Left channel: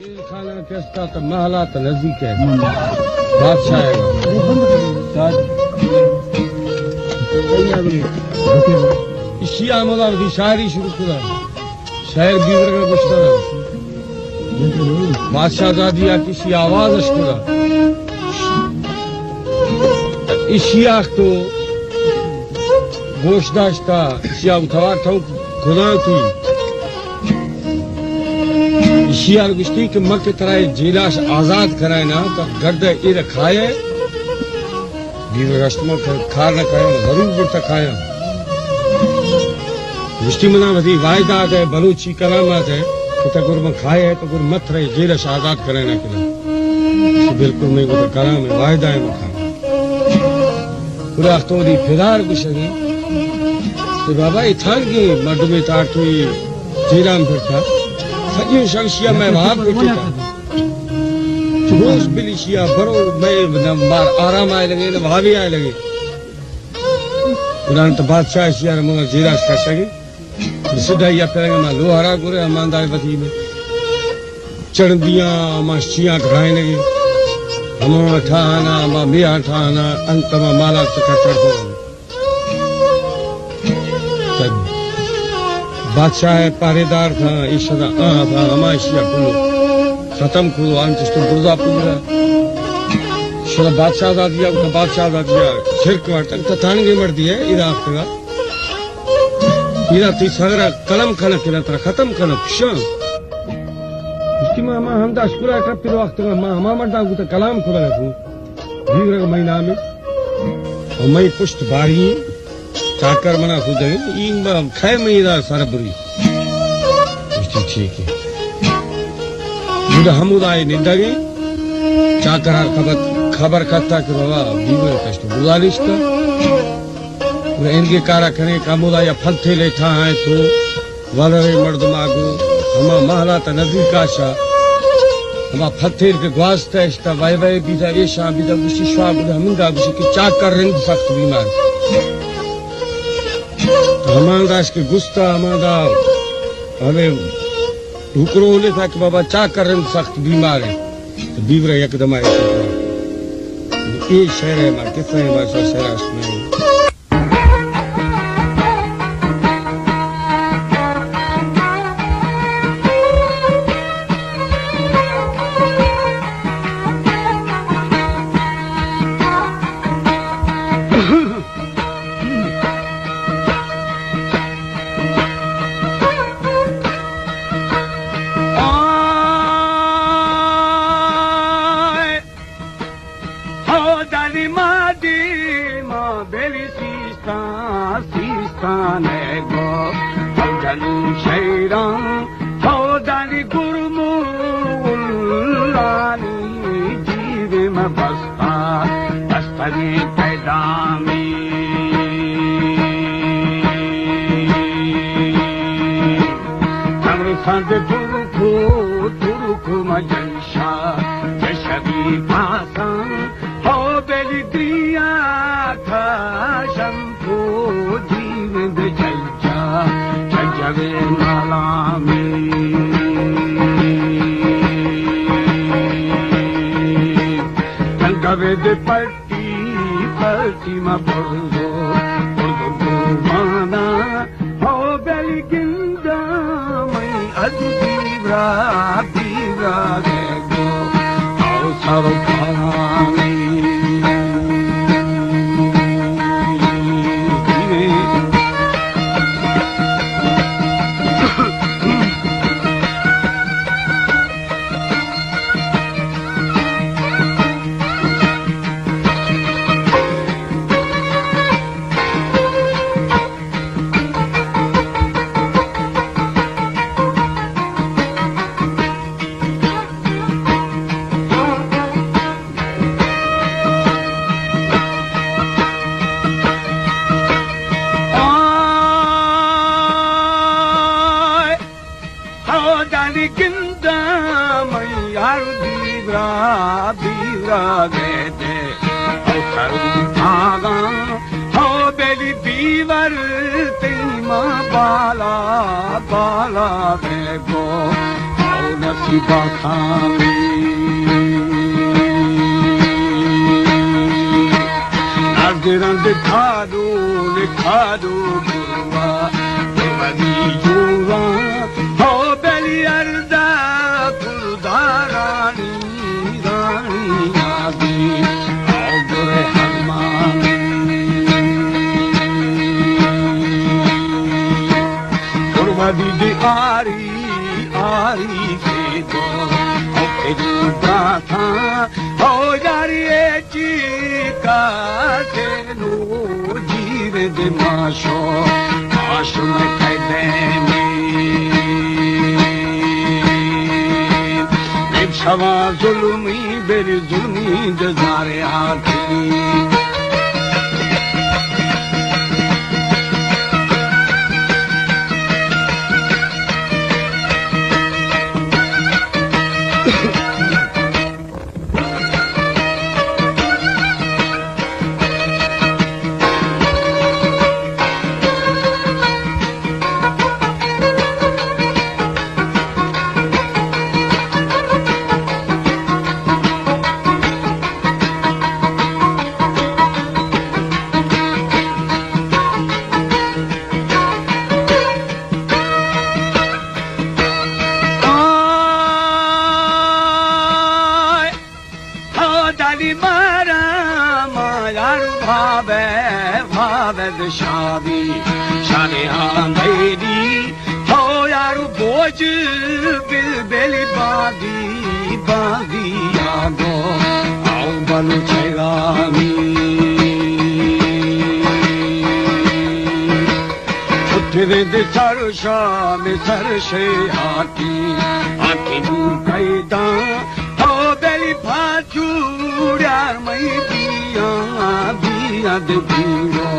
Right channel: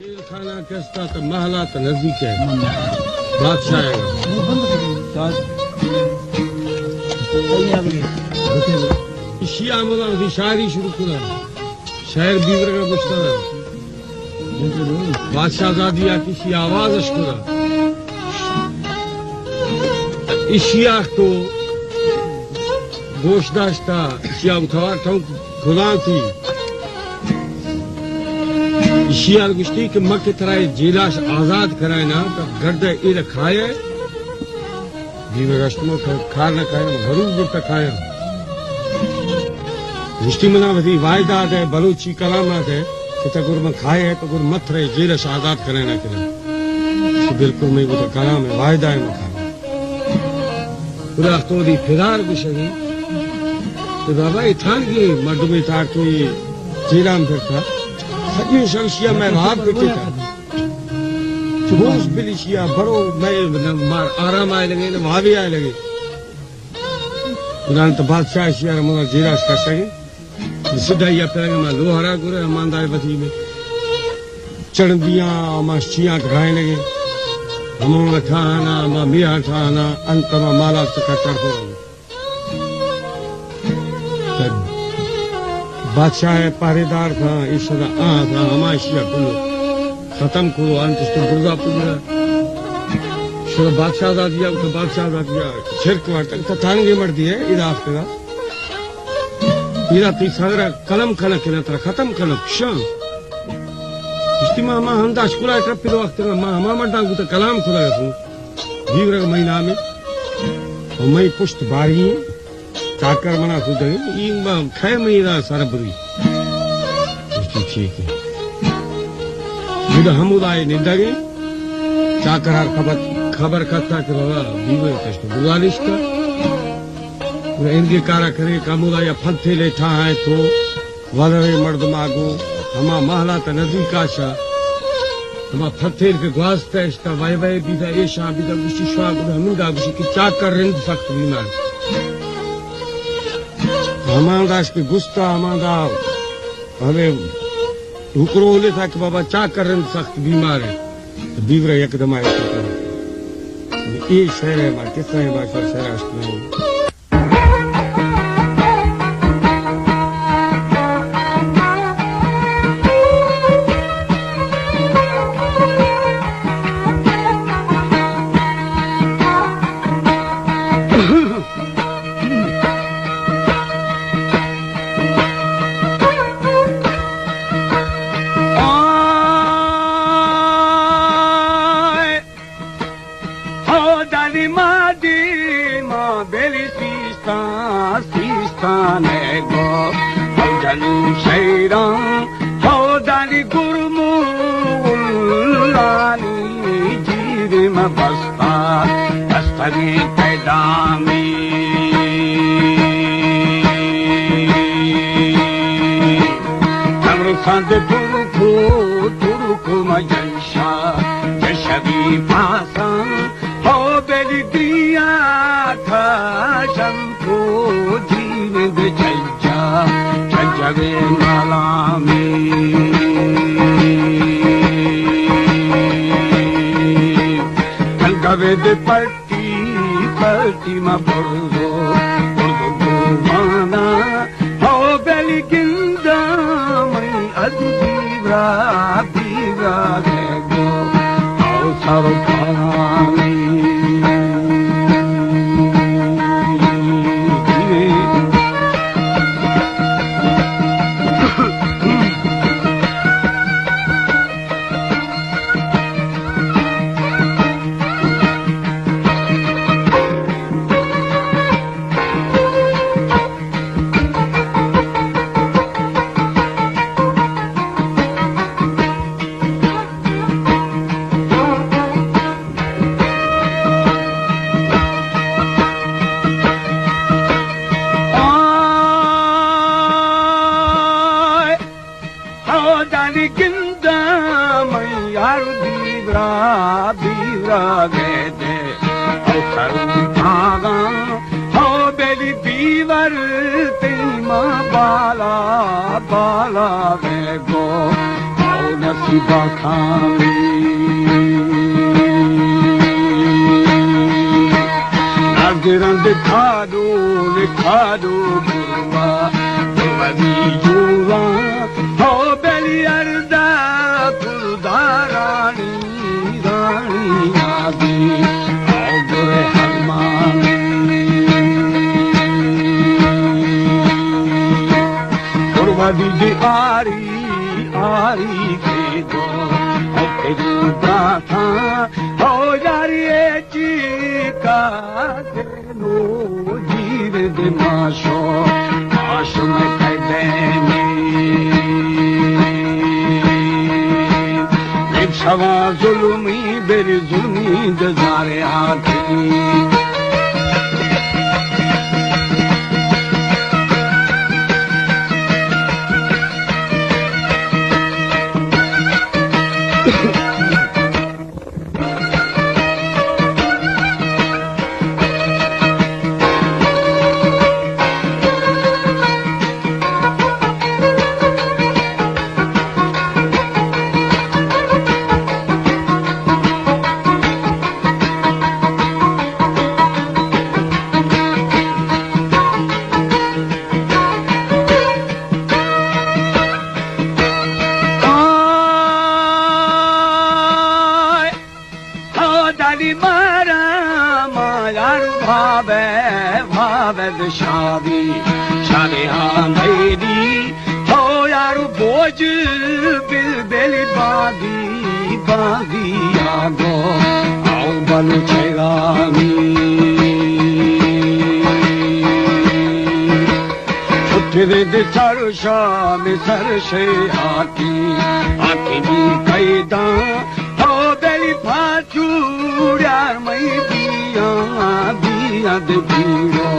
खाना किसका तो महला तो नजदीक है बादशाह शिया मला शायरी शुरू करा शायर दीवर का बचता बादशाह दादिया किसी आवाज करा इशिया तो गोशदाश्ता इशिया उठवा था खुदा थी शियाल गुश्ती के मक कराए जिलाश आजाद कराए ना तो गर्द इर खाए दीवर रस्म खा न खाए जरूर बुरता खाया गुश्ती मना बधी वायदा है बलूची कलामत है कि तगुर में खाए है तो गुर मत रहे जिलाश आजाद कराए ना किला बिल्कुल मैं वो कलाम है वायदा है में खाए पूरा तो दी फिरार गुशरी तो बाबा इथान की मर्द में तार तो जीराम फिरता सजी शख्सिया में वहां पे टिका जोश बिलिशिया बरो मैं मार आराम आए लगे ना वहां भी आए लगे उन्होंने तो बादशाह शिया मुझे जीराश कर सके सीधा या फिर मैं लोहारा गुरे ईमानदार बती में चढ़ दिया मां शिया खाए लगे हम ठाना मां मिया ठाना अंत में माला से खटर हो बादशाह पहरेदार था ईश्वर था हमाशिया कुलो खत्म कुलो अंत तो गुर्दा पुजरा शुरू बादशाह दा दिया का बादशाह दा दिया छिरक वाटक तो थाने के मर दिए इराक का इरा ती सगरा कलम खना केला तर खत्म खना श इस्तिमा हम दाश कुला का पिलो वक्त में हम मरदा को तो कलाम खुला है बीवर का महीना में और मैं पुष्ट बारी चाकर मना सुधे इन खाए मेरा सारा बुरी ठीक है हमुदाय निंदागे चाकर खबर करता कि बाबा बीवर कष्ट बुलालिश का इनके कारा करे कामुदाय फल थे लेठा है तो वलरे मर्द मागो हमा महला त नजदीक आशा हमा फथेर के ग्वास्ता इस्ता वाई वाई बीदा ऐशा बीदा गुशी श्वा बीदा हमिंदा गुशी की चाकर रिंद सख्त बीमार हमादाश के गुस्ता हमादा हमें हुक्रो ले था कि बाबा चा करन सख्त बीमार है तो बीवर एकदम आए ये शहर है मार कितना है बादशाह शहर में बेली बाखानी नागरंद खादो गुरुआ बड़ी युवा हो बेली अर्दा खुदा रानी आगे हरमानी गुरुआ आरी के दो तेरी बाथा हो यारी चीका तेनू जीरे दे माशो आश में कैदे में एक सवा जुल्मी बेरी जुनी दे जारे हाथी शादी शादी हाँ मेरी हो यार बोझ बिल बेली बादी बादी आगो आओ बल चगानी उठे दे सारो शाम सर से हाथी आके नी कैदा हो बेली फाचूड़ा मई दिया दिया दे दिया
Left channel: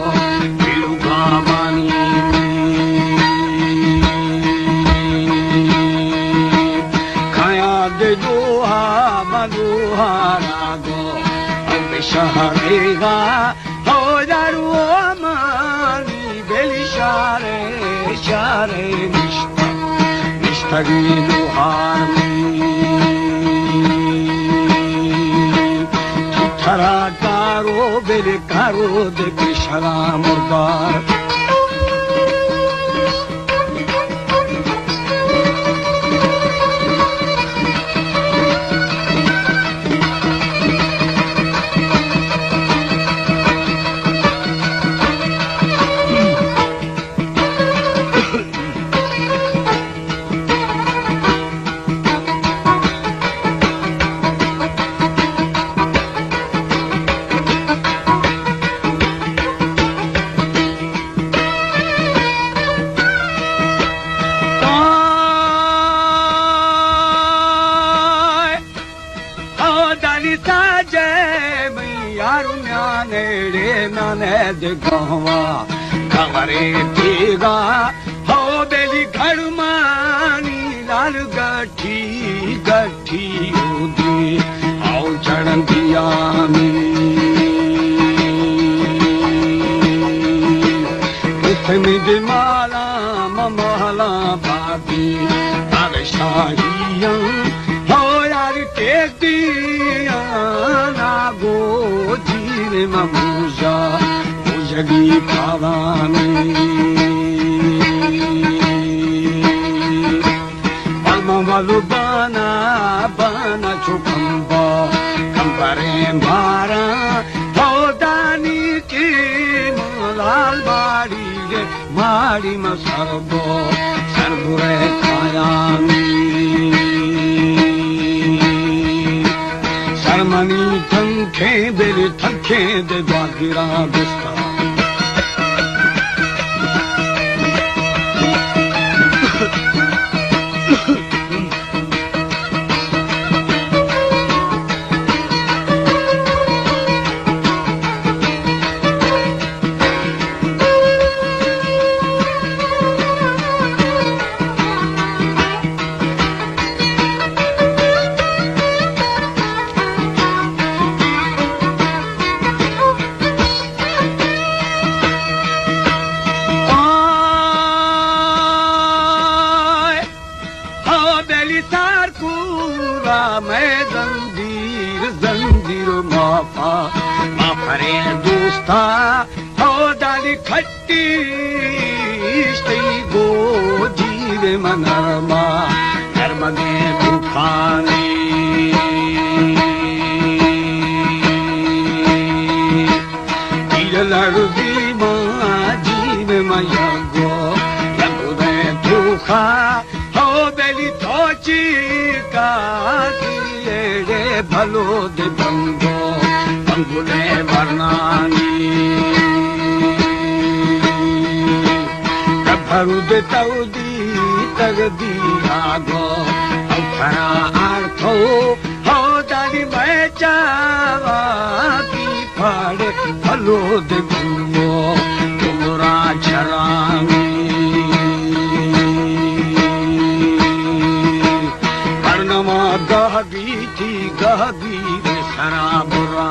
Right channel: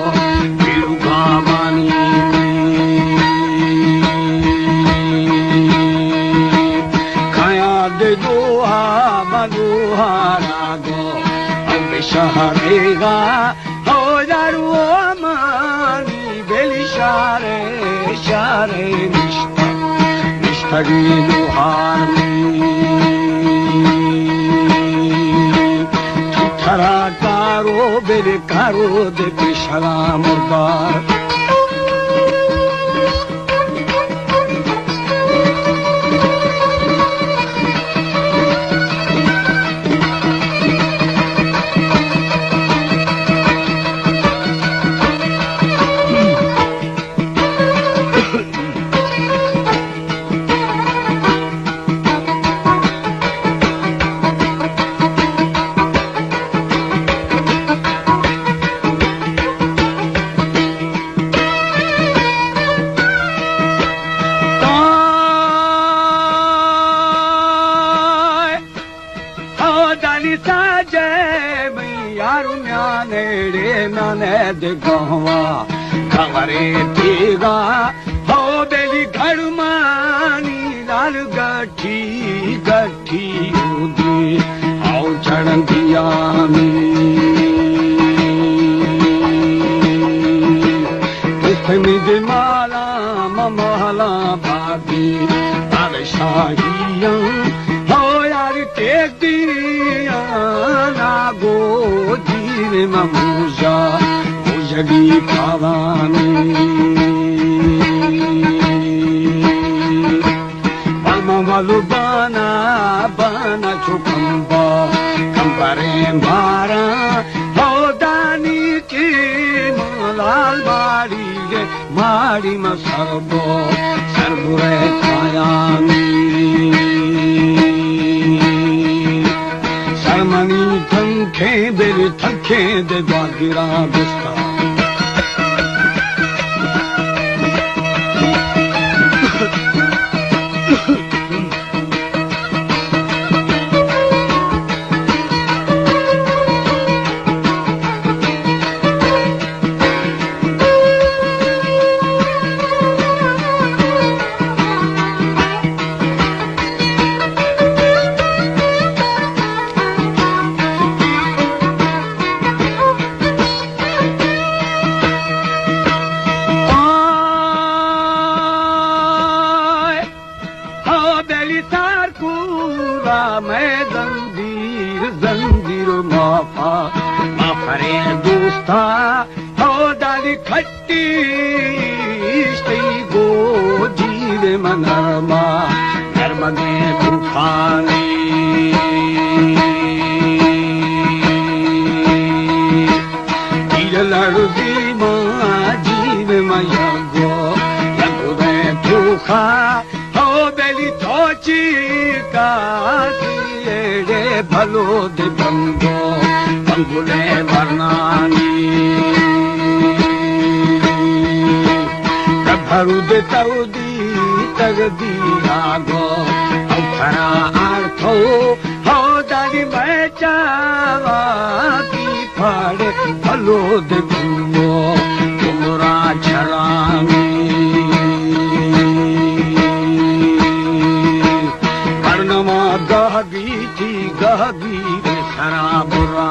शहरेगा हो दारू मानी बेली शारे शारे निष्ठगी लोहार ठरा कारो बेरे कारो दे पेशवा मुर्दार दे गवा खबरे देगा हो बेली घर मानी लाल गठी गठी होगी आओ चढ़ दियानी कितनी दिमाला ममहला बाबी शाहियां हो यार टेक दिया लागो जीरे ममूजा जगी पारानी अलमवालु बाना बाना चुकंदा कंगारे धारा हो दानी की लाल बाड़ी गे बाड़ी मसरबो सरबुरे पारानी सरमनी थंखे दे जागिरा दिस्ता मैं जंजीर जंजीर माफा माफरे दोस्ता हो दाली खट्टी गो जीवे मनरमा नर्मदे तूफानी लड़दी माँ जीव मयगो लगवे तूफा हो बेली थोची का रे भलो दे बंगो बंगुले बनानी कभरू दे तौदी तगदी आगो अखरा आर्थो हो दाली मैं चावा की फाड़ भलो दे बंगो तुमरा छलानी कर्णमा गहगी थी गहगी रे शराबुरा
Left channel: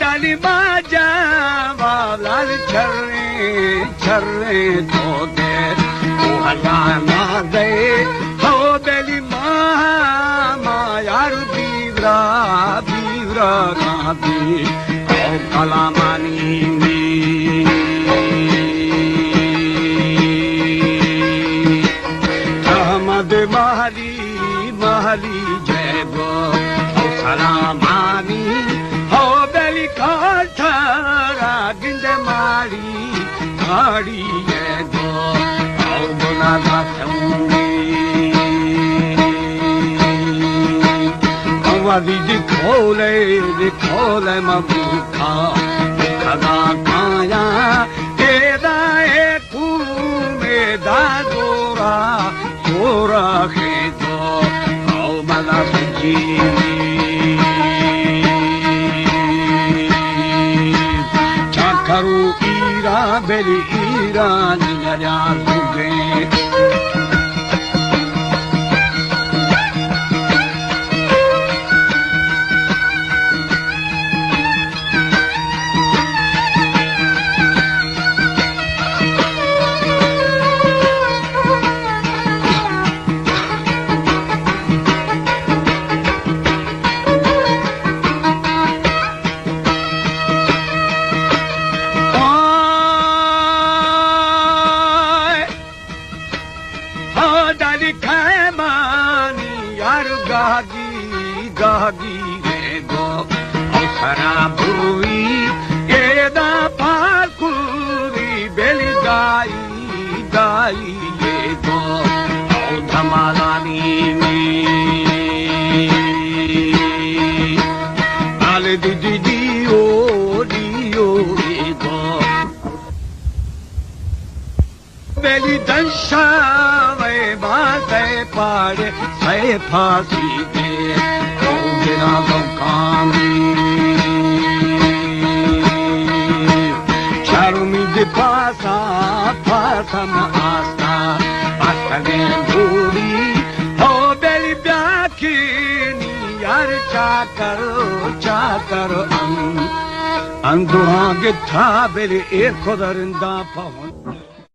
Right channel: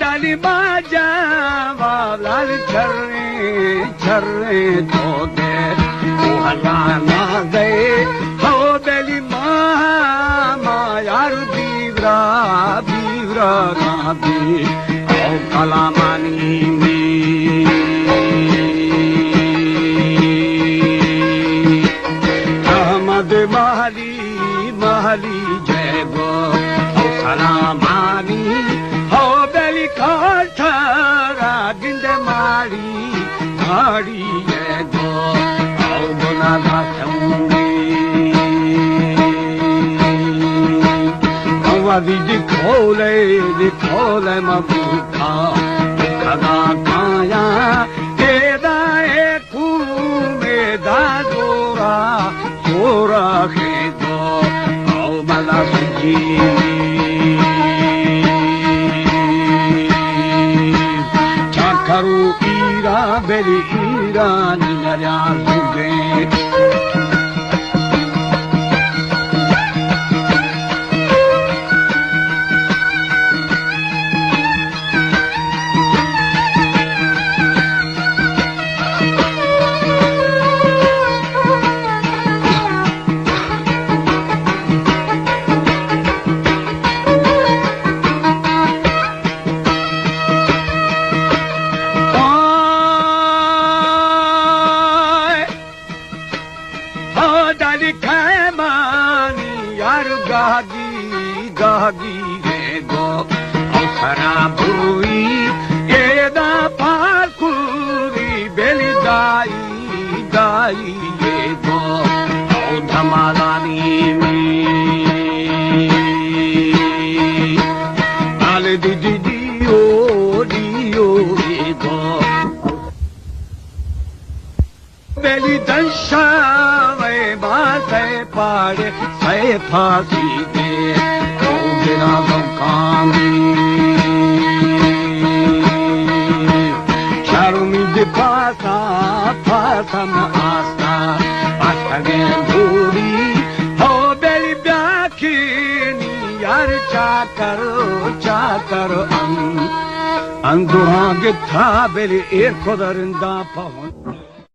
दाली बाजा वालाल छर्रे तो दे ओ हलाना गए हो बेली मायार बीवरा बीवरा गाबी ओ कलामानी अहमद महली महली जय गो ओ सलामानी गिंद माड़ी गो आओ बोला दिखोले मबूखा दबा खाया तेरा खूने दा जोरा जोरा के दो आओ मला जी करू ईरा बेली ईरा निमरा जुगे दादी खैमानी यार गागी रे गो खराब हुई एदा पाकुरी बेली गाई ये गो धमालानी आल दीदी दियो रे गो बेली दशा पाड़े है फांसी दे मेरा बकानी चारुमिद फासा फासम आस्था असगे भूरी हो बेली ब्याखीनी यार चाकर अंगुहा गिथा बेली एक खुदरिंदा पवन